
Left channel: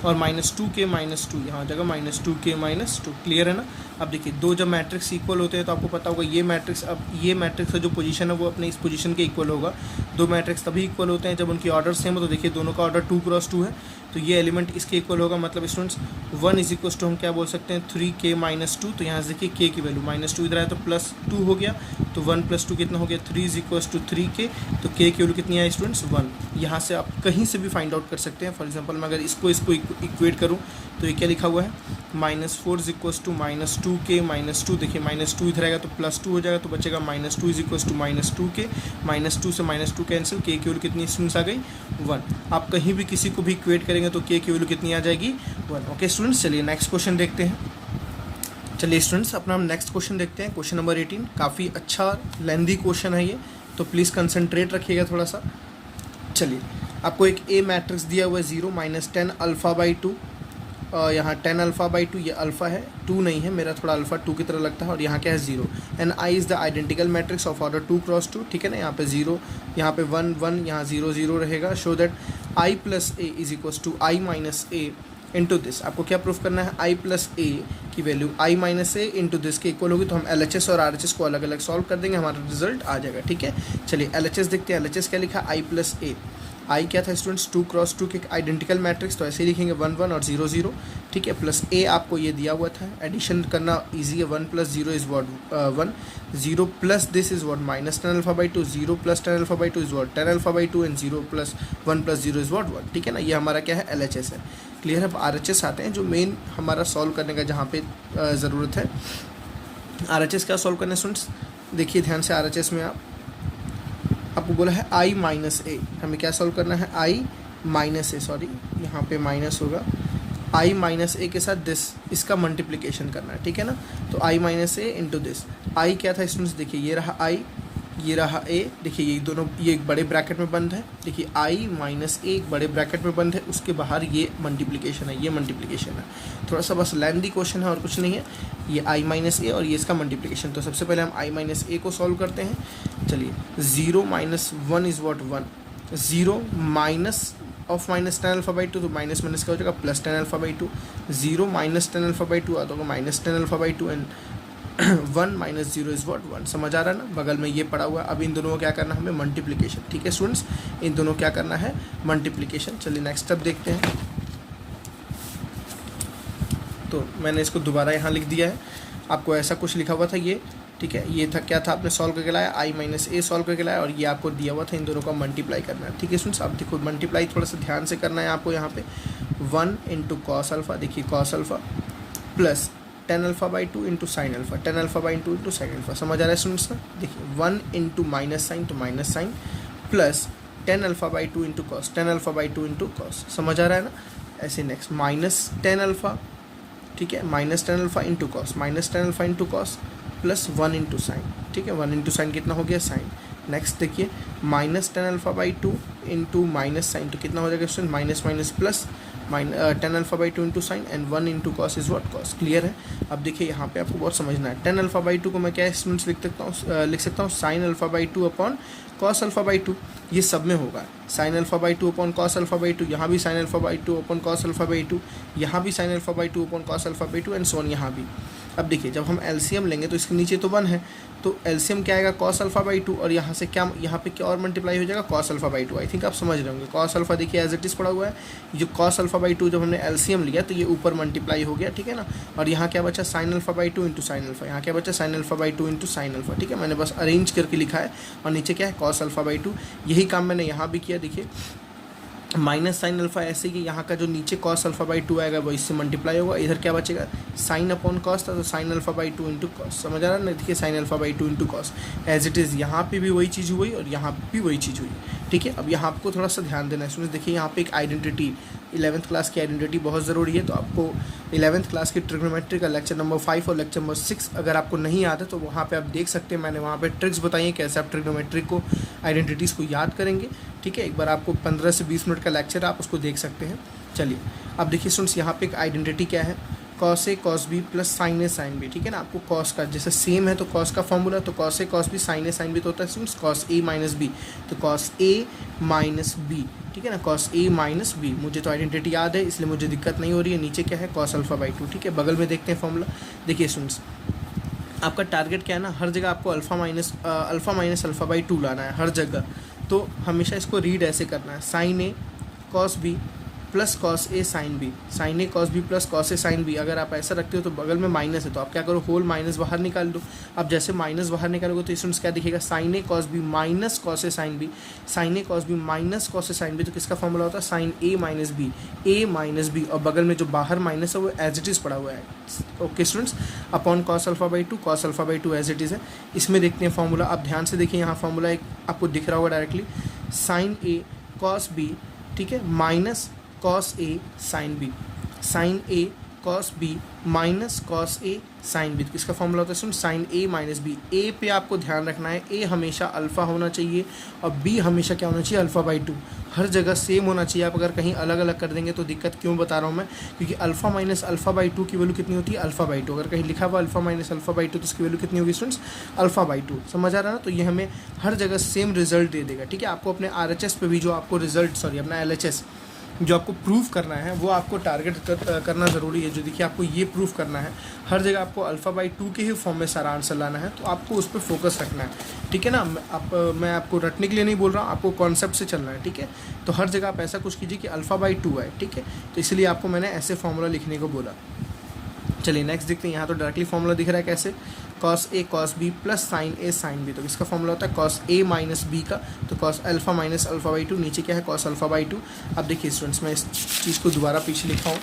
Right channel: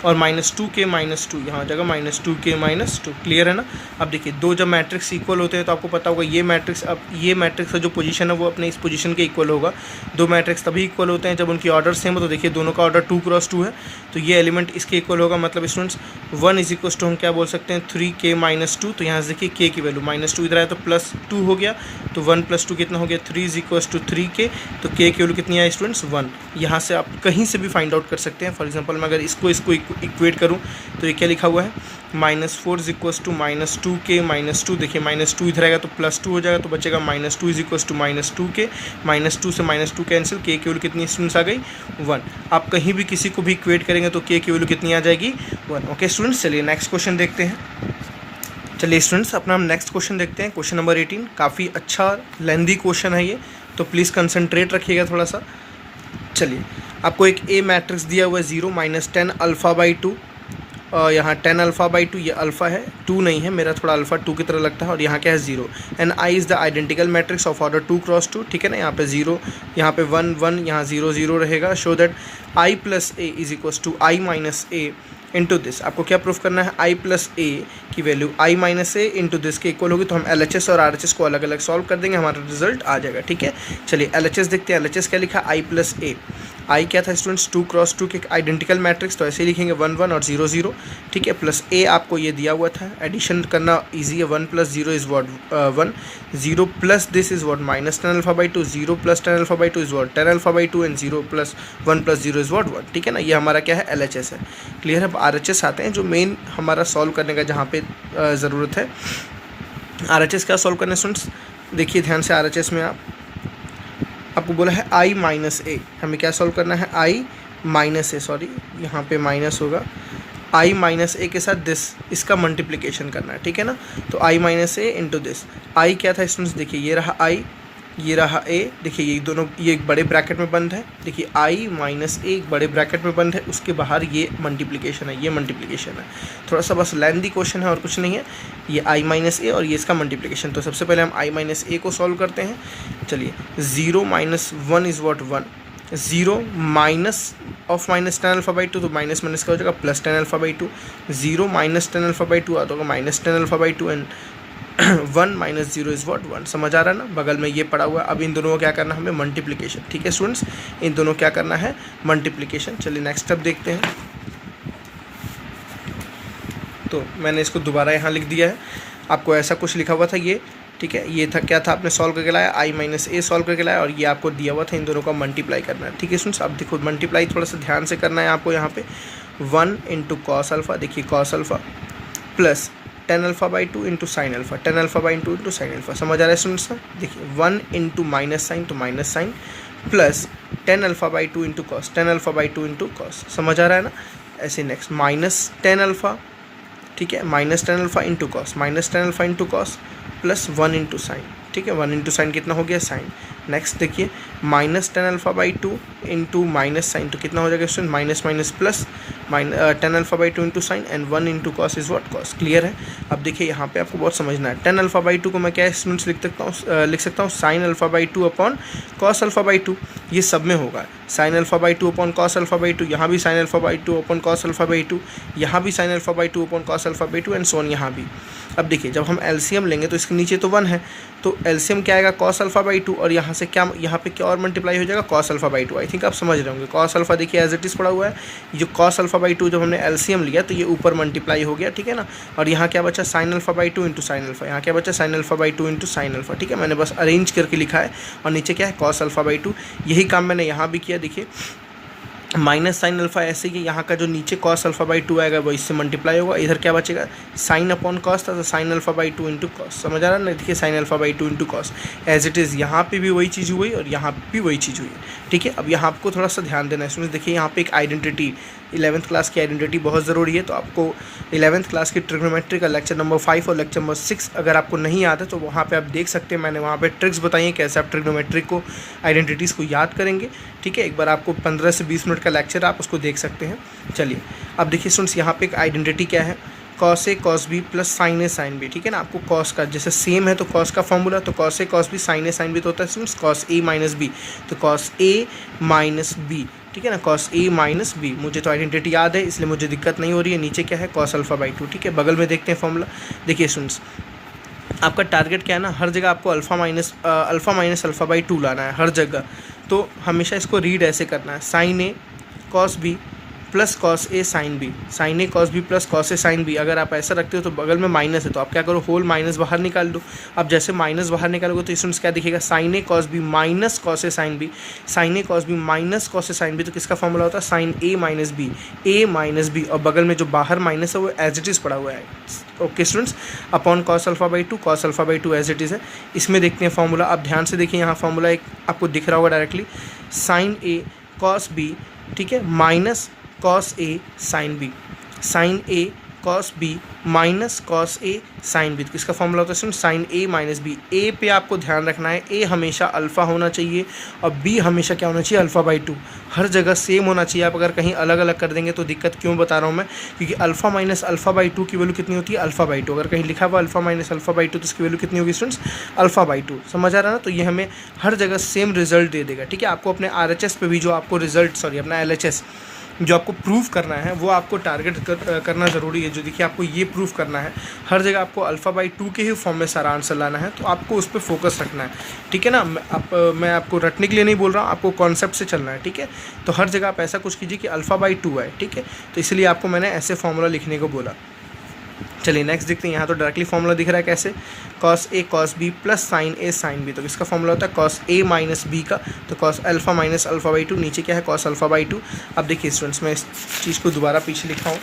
और -2k -2 यहाँ हो जाएगा -2k -2, क्लियर है ना। अब देखिए दो जब मैट्रिक्स इक्वल होते हैं तो आपको पता होगा ये मैट्रिक्स, अब ये मैट्रिक्स का जो पोजीशन है वो अपने इस पोजीशन के इक्वल होगा। दो मैट्रिक्स तभी इक्वल होते हैं जब उनकी ऑर्डर सेम हो, तो देखिए दोनों का ऑर्डर 2 × 2 है, तो ये एलिमेंट इसके इक्वल होगा, मतलब स्टूडेंट्स 1 इज इक्वल टू हम क्या बोल सकते हैं 3k -2, तो यहाँ से देखिए k की वैल्यू -2 इधर आया तो +2 हो गया, तो 1 + 2 कितना हो गया 3 इज इक्वल टू 3k, तो k की वैल्यू कितनी है स्टूडेंट्स 1। यहाँ से आप कहीं से भी फाइंड आउट कर सकते हैं। फॉर एग्जाम्पल मैं अगर इसको इक्वेट करूँ तो ये क्या लिखा हुआ है, -4 इज इक्वल टू -2k -2, देखिए -2 इधर आएगा तो +2 हो जाएगा, तो बचेगा -2 इज इक्वल टू -2k, -2 से -2 कैंसिल, k की वैल्यू कितनी स्टूडेंट्स आ गई 1। आप कहीं भी किसी को भी इक्वेट करेंगे तो k की वैल्यू कितनी आ जाएगी 1। ओके स्टूडेंट्स, चलिए नेक्स्ट क्वेश्चन देखते हैं। चलिए स्टूडेंट्स अपना हम नेक्स्ट क्वेश्चन देखते हैं, क्वेश्चन नंबर 18। काफ़ी अच्छा लेंदी क्वेश्चन है ये, तो प्लीज़ कंसंट्रेट रखिएगा थोड़ा सा। चलिए आपको एक ए मैट्रिक्स दिया हुआ है 0 -10 α/2, यहाँ 10 α/2, ये अल्फ़ा है, 2 नहीं है, मेरा थोड़ा अल्फ़ा 2 की तरह लगता है, और यहाँ क्या है 0, and i is the identical matrix of order 2 × 2, ठीक है ना। यहाँ पे 0, यहाँ पे 1 1, यहाँ 0 0 रहेगा। Show that i + a is equals to i - a into this. आपको क्या प्रूफ करना है, i + a की वैल्यू i - a इंटू दिस के इक्वल होगी, तो हम LHS और RHS को अलग अलग सॉल्व कर देंगे, हमारा रिजल्ट आ जाएगा, ठीक है। चलिए LHS देखते हैं, LHS क्या लिखा, i + a, आई क्या था स्टूडेंट्स 2 × 2 के आइडेंटिकल मैट्रिक्स, तो ऐसे ही लिखेंगे 1 1 और 0 0, ठीक है। प्लस ए आपको ये दिया हुआ था, एडिशन करना इजी है, 1 + 0 is what 1, 0 + this is what -10 α/2, 0 + 10 α/2 is what 10 α/2 and 0 + 1 + 0 is what 1, ठीक है ना। ये हमारा क्या है LHS है, क्लियर है। अब RHS आते हैं जो मेन हमारा सॉल्व करने का जहाँ पे ज़रूरत है। RHS क्या सॉल्व करना है स्टूडेंट्स, देखिए ध्यान से, RHS में आपको बोला है i - a, हमें क्या सॉल्व करना है i - a, सॉरी यहाँ पे माइनस होगा, i - a के साथ दिस, इसका मल्टीप्लिकेशन करना है, ठीक है ना। तो i - a into this, i क्या था स्टूडेंट्स, देखिए ये रहा i, ये रहा a, देखिए ये दोनों, ये एक बड़े ब्रैकेट में बंद है, देखिए i - a एक बड़े ब्रैकेट में बंद है, उसके बाहर ये मल्टीप्लिकेशन है, ये मल्टीप्लिकेशन है। थोड़ा सा बस लेंथी क्वेश्चन है और कुछ नहीं है, ये i - a और ये इसका मल्टीप्लिकेशन। तो सबसे पहले हम i - a को सॉल्व करते हैं। चलिए 0 - 1 इज़ वॉट 1, 0 माइनस ऑफ -10 α/2, तो माइनस माइनस का हो जाएगा +10 α/2, 0 - 10 α/2 आता होगा -10 α/2 एंड 1 - 0 इज़ वॉट 1। समझ आ रहा है ना, बगल में ये पड़ा हुआ है। अब इन दोनों को क्या करना है हमें, मल्टीप्लिकेशन, ठीक है स्टूडेंट्स, इन दोनों क्या करना है मल्टीप्लिकेशन। चलिए नेक्स्ट स्टेप देखते हैं। तो मैंने इसको दोबारा यहाँ लिख दिया है, आपको ऐसा कुछ लिखा हुआ था ये, ठीक है। ये था क्या था, आपने सॉल्व करके लाया, i - a सॉल्व करके लाया, और ये आपको दिया हुआ था, इन दोनों का मल्टीप्लाई करना है, ठीक है स्टूडेंट्स। अब देखो मल्टीप्लाई थोड़ा सा ध्यान से करना है आपको, यहाँ पे 1 × cos α, देखिए cos α plus 10 α/2 into sine alpha, 10 α/2 into sine alpha. समझ आ रहा है स्टूडेंट्स ना, देखिए 1 × माइनस साइन, तो minus sine, plus 10 α/2 into cos, 10 α/2 into cos. समझ आ रहा है ना। ऐसे नेक्स्ट -10 α, ठीक है, -10 α into cos, -10 α into cos plus 1 × sine, ठीक है, 1 × साइन कितना हो गया साइन, नेक्स्ट देखिए minus ten alpha by two into minus sine, तो कितना हो जाएगा student, minus minus plus ten alpha by two into sine and 1 into cos is what, cos. Clear है। अब देखिए यहाँ पे आपको बहुत समझना है, टेन अल्फा बाई टू को मैं क्या स्टूडेंट्स लिख सकता हूँ sign alpha by two upon cos alpha by to, ये सब में होगा sign alpha by two upon cos alpha by to, यहाँ भी sign alpha by two upon cos alpha by to, यहाँ भी sign alpha by two upon cos alpha by to and so on यहाँ भी। अब देखिए जब हम एलसीएम लेंगे तो इसके नीचे तो 1 है, तो एलसीएम क्या आएगा कॉस अल्फा बाई टू, और यहाँ से क्या, यहाँ पे क्या और मल्टीप्लाई हो जाएगा cos alpha by to. I think आप समझ रहे होंगे, कॉस अल्फा देखिए एज इट इज़ पड़ा हुआ है, जो कॉस अल्फा बाई टू जब हमने एलसीएम लिया तो ये ऊपर मल्टीप्लाई हो गया, ठीक है ना। और यहाँ क्या बचा sign alpha by two into sine alpha, यहाँ क्या बचा sign alpha by two into sine alpha, ठीक है। मैंने बस अरेंज करके लिखा है, और नीचे क्या है कॉस अल्फा बाई टू। यही काम मैंने यहाँ भी किया, देखिए माइनस साइन अल्फा ऐसे कि यहाँ का जो नीचे कॉस अल्फा बाई टू आएगा वो इससे मल्टीप्लाई होगा, इधर क्या बचेगा साइन अपॉन कॉस था, तो sine alpha by two into cos, समझ आ रहा है ना। देखिए sine alpha by two into cos as it is, यहाँ पे भी वही चीज़ हुई और यहाँ भी वही चीज़ हुई, ठीक है। अब यहाँ आपको थोड़ा सा ध्यान देना है स्टूडेंट्स, देखिए यहाँ पे एक आइडेंटिटी 11th क्लास की आइडेंटिटी बहुत ज़रूरी है, तो आपको 11th क्लास की ट्रिग्नोमेट्री का लेक्चर नंबर 5 और लेक्चर नंबर 6 अगर आपको नहीं याद है तो वहाँ पे आप देख सकते हैं, मैंने वहाँ पे ट्रिक्स बताई हैं कैसे आप ट्रिग्नोमेट्री को आइडेंटिटीज़ को याद करेंगे, ठीक है। एक बार आपको 15 से 20 मिनट का लेक्चर आप उसको देख सकते हैं। चलिए अब देखिए स्टूडेंट्स यहाँ पे एक आइडेंटिटी क्या है, cos A cos B plus sign A sine B, ठीक है ना। आपको कॉस का जैसे सेम है तो कॉस का फॉर्मूला, तो cos A cos B sign A sine B तो होता है students cos A minus B, तो कॉस ए माइनस बी, ठीक है ना, कॉस ए माइनस बी। मुझे तो आइडेंटिटी याद है इसलिए मुझे दिक्कत नहीं हो रही है। नीचे क्या है कॉस अल्फा बाई टू, ठीक है। बगल में देखते हैं फॉर्मूला, देखिए स्टूडेंट्स आपका टारगेट क्या है ना, हर जगह आपको alpha minus alpha by to लाना है हर जगह, तो हमेशा इसको रीड ऐसे करना है sign A cos B plus cos A sine B, sign A cos B plus cos A sine B. अगर आप ऐसा रखते हो तो बगल में माइनस है तो आप क्या करो होल माइनस बाहर निकाल दो। अब जैसे माइनस बाहर निकालोगे तो स्टूडेंट्स क्या दिखेगा sign A cos B minus cos A sine B, sign A cos B minus cos A sine B, तो किसका फॉर्मूला होता है साइन ए माइनस बी, ए माइनस बी, और बगल में जो बाहर माइनस है वो एज इट इज़ पड़ा हुआ है, okay students, upon cos alpha by two, cos alpha by two as it is है। इसमें देखते हैं फॉर्मूला, आप ध्यान से देखिए यहाँ फॉर्मूला एक आपको दिख रहा होगा डायरेक्टली, साइन ए कॉस बी, ठीक है, minus cos A sine B, sign A cos B minus cos A sine B, तो किसका फॉर्मूला होता है साइन ए माइनस बी। ए पे आपको ध्यान रखना है, ए हमेशा अल्फ़ा होना चाहिए और बी हमेशा क्या होना चाहिए अल्फ़ा बाई टू, हर जगह सेम होना चाहिए। आप अगर कहीं अलग अलग कर देंगे तो दिक्कत क्यों बता रहा हूँ मैं, क्योंकि alpha minus alpha by to की वैल्यू कितनी होती है अल्फ़ा बाई टू, अगर कहीं लिखा हुआ alpha minus alpha by to तो इसकी वैल्यू कितनी होगी स्टूडेंट्स अल्फ़ा बाई टू, समझ आ रहा है ना। तो ये हमें हर जगह सेम रिजल्ट दे देगा, ठीक है। आपको अपने RHS पे भी जो आपको रिजल्ट अपना LHS जो आपको प्रूफ करना है वो आपको टारगेट करना ज़रूरी है। जो देखिए आपको ये प्रूफ करना है, हर जगह आपको अल्फ़ा बाई टू के ही फॉर्म में सारा आंसर लाना है, तो आपको उस पर फोकस रखना है, ठीक है ना। मैं आपको रटने के लिए नहीं बोल रहा हूँ, आपको कॉन्सेप्ट से चलना है, ठीक है। तो हर जगह आप ऐसा कुछ कीजिए कि अल्फ़ा बाई टू है, ठीक है। तो इसलिए आपको मैंने ऐसे फॉर्मूला लिखने को बोला। चलिए नेक्स्ट देखते हैं, यहाँ तो डायरेक्टली फॉर्मूला दिख रहा है कैसे, cos A cos B plus sign A sine B, तो इसका फॉर्मूला होता है कॉस ए माइनस बी का, तो cos alpha minus alpha by two, नीचे क्या है कॉस अल्फ़ा बाई टू। अब देखिए स्टूडेंट्स मैं इस चीज़ को दोबारा पीछे लिखा हूँ,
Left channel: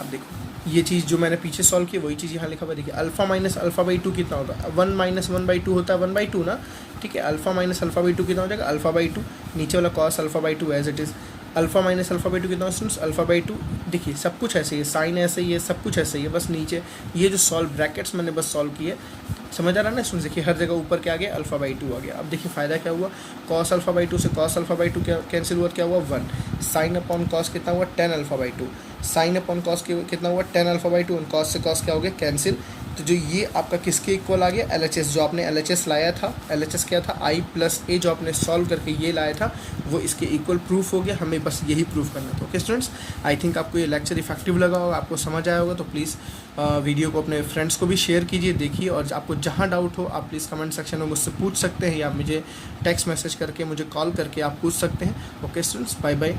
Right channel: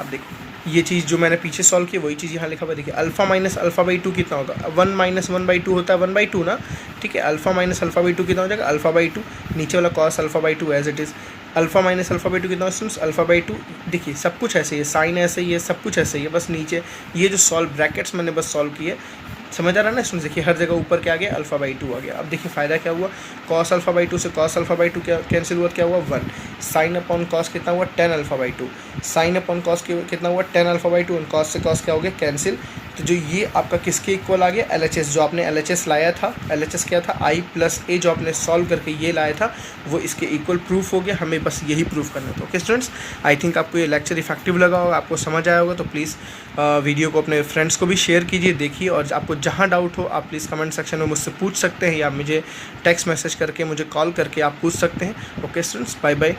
अब देखिए ये चीज़ जो मैंने पीछे सॉल्व की वही चीज़ यहाँ लिखा हुआ, देखिए alpha minus alpha by two कितना होता है 1 माइनस 1 बाई टू होता है 1 बाई टू ना, ठीक है। Alpha minus alpha by two कितना हो जाएगा अल्फ़ा बाई टू, नीचे वाला cos alpha by two as it is, alpha minus alpha by two कितना स्टूडेंट्स अल्फ़ा बाई टू। देखिए सब कुछ ऐसे ही है, साइन ऐसे ही है, सब कुछ ऐसे ही है, बस नीचे ये जो सॉल्व ब्रैकेट्स मैंने बस सॉल्व किए, समझ आ रहा है ना स्टूडेंट्स। देखिए हर जगह ऊपर क्या आ गया अल्फ़ा बाई टू आ गया। अब देखिए फ़ायदा क्या हुआ, कॉस अल्फ़ा बाई टू से कॉस अल्फ़ा बाई टू क्या कैंसिल हुआ, क्या हुआ 1, साइन अपॉन कॉस कितना हुआ 10 alpha by to, sine upon cos कितना हुआ 10 अल्फ़ा बाई टू, कॉस से कॉस क्या हो गया कैंसिल। तो जो ये आपका किसके इक्वल आ गया LHS, जो आपने LHS लाया था, LHS क्या था I प्लस A, जो आपने सॉल्व करके ये लाया था वो इसके इक्वल प्रूफ हो गया। हमें बस यही प्रूफ करना था, ओके स्टूडेंट्स। आई थिंक आपको ये लेक्चर इफेक्टिव लगा होगा, आपको समझ आया होगा, तो प्लीज़ वीडियो को अपने फ्रेंड्स को भी शेयर कीजिए, देखिए, और आपको जहाँ डाउट हो आप प्लीज़ कमेंट सेक्शन में मुझसे पूछ सकते हैं या मुझे टेक्स्ट मैसेज करके मुझे कॉल करके आप पूछ सकते हैं। Okay students, bye bye.